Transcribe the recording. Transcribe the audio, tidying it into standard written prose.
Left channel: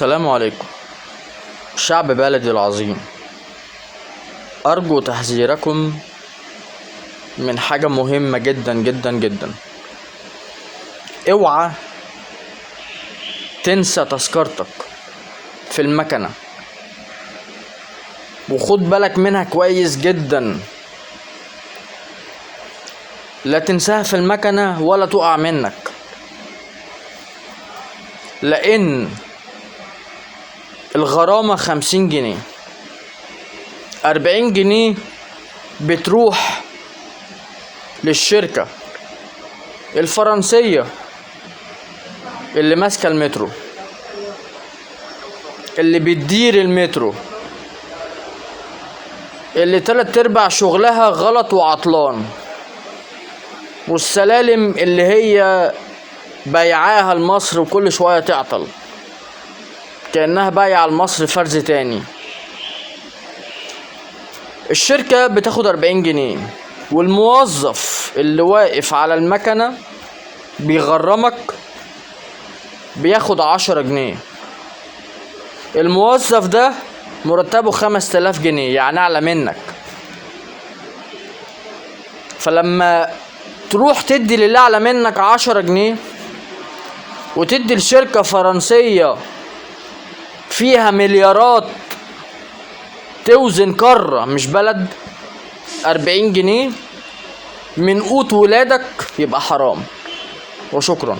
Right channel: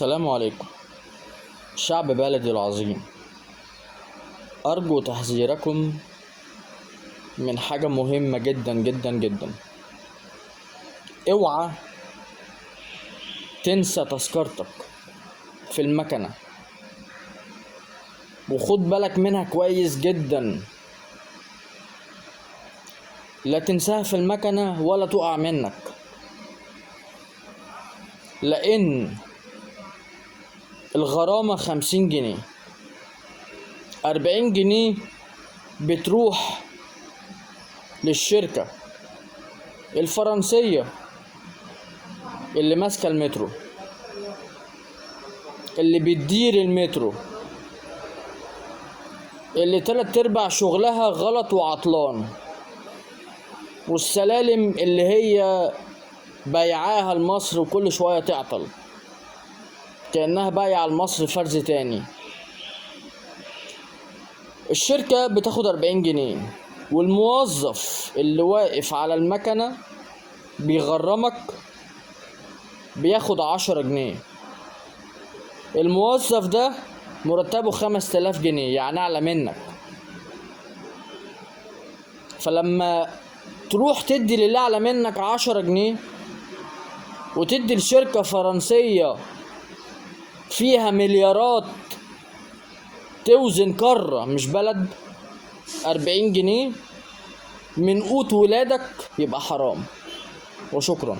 السلام عليكم شعب بلدي العظيم. أرجو تحذيركم من حاجة مهمة جدا جدا جدا. اوعى تنسى تذكرتك في المكنة، وخد بالك منها كويس جدا. لا تنساها في المكنة ولا تقع منك، لأن الغرامة 50 جنيه. 40 جنيه بتروح للشركة الفرنسية اللي ماسكة المترو، اللي بتدير المترو، اللي 3/4 شغلها غلط وعطلان، والسلالم اللي هي بايعاها لمصر وكل شوية تعطل كأنها بايعة لمصر فرز تاني. الشركة بتاخد 40 جنيه، والموظف اللي واقف على المكنة بيغرمك بياخد 10 جنيه. الموظف ده مرتبه 5000 جنيه، يعني أعلى منك. فلما تروح تدي للي أعلى منك 10 جنيه وتدي لشركة فرنسية فيها مليارات توزن قارة مش بلد 40 جنيه من قوت ولادك، يبقى حرام. وشكرا.